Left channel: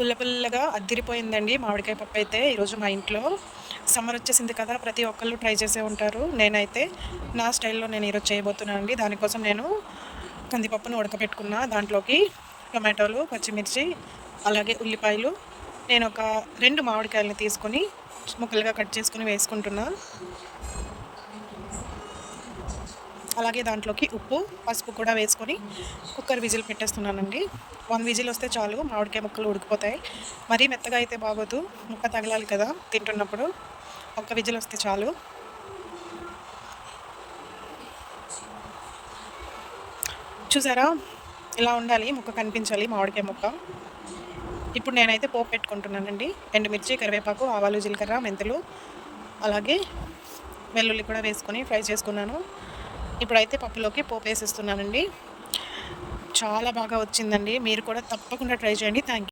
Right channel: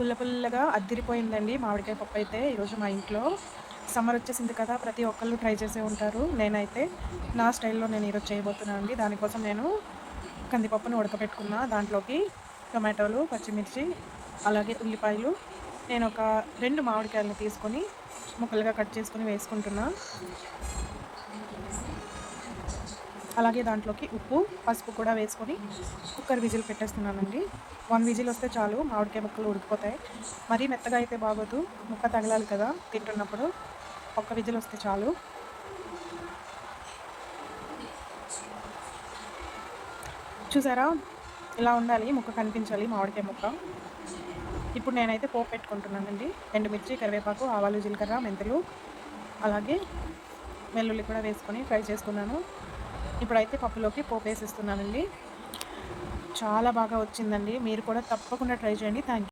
పుల్ల పుల్లగా అద్దిరిపోయిందండి మామిడికాయ పప్పు అయితే ఈరోజు మా ఇంట్లో. సమ్మర్ వచ్చేసింది కదా! ప్రతి ఒక్కళ్ళు ట్రై చేసే ఉంటారు. నేనైతే నా స్టైల్‌లో నేను ఈరోజు చేయబోతున్నానండి. దానికోసం నేను కందిపప్పుని ఉడకబెట్టుకున్న. దాంట్లోకి టొమాటోలు, పచ్చిమిర్చి, అలాగే ఉల్లిపాయలు, నేను ఒక 2 మామిడికాయలని తీసుకొని ముక్కలుగా కట్ చేసుకొని వేసుకుంటున్నా. అలాగే దాంట్లోకి ఉప్పు, పసుపు కూడా వేసుకొని కుక్కర్ విజిల్ పెట్టేస్తున్నానండి. 1 విజిల్ వస్తే చాలు, మామిడికాయ ముక్కలు ఉడికిపోతాయి. మరీ మెత్తగా అయితే బాగోదు, ముక్క తగలాలి కదా తింటున్నప్పుడు. ఒక్క విజిల్ వస్తే చాలు. చూసారా, ఇలా ఉండాలి, ముక్క కనిపించాలి మామిడికాయ ముక్క. ఇప్పుడు నేనైతే పోపు పెట్టుకుంటున్నానండి. ఎండుమిర్చి, కరివేపాకు, ఆవాలు, జీలకర్ర, మెంతులు, అలాగే వెల్లుల్లి కూడా వేసుకొని ఫ్రై చేసుకున్నాను. ఇప్పుడైతే పప్పులోకి పోపు వేసేస్తున్నానండి. చాలా బాగా వచ్చిందండి. మీరు కూడా తప్పకుండా ట్రై చేయండి. Thank you.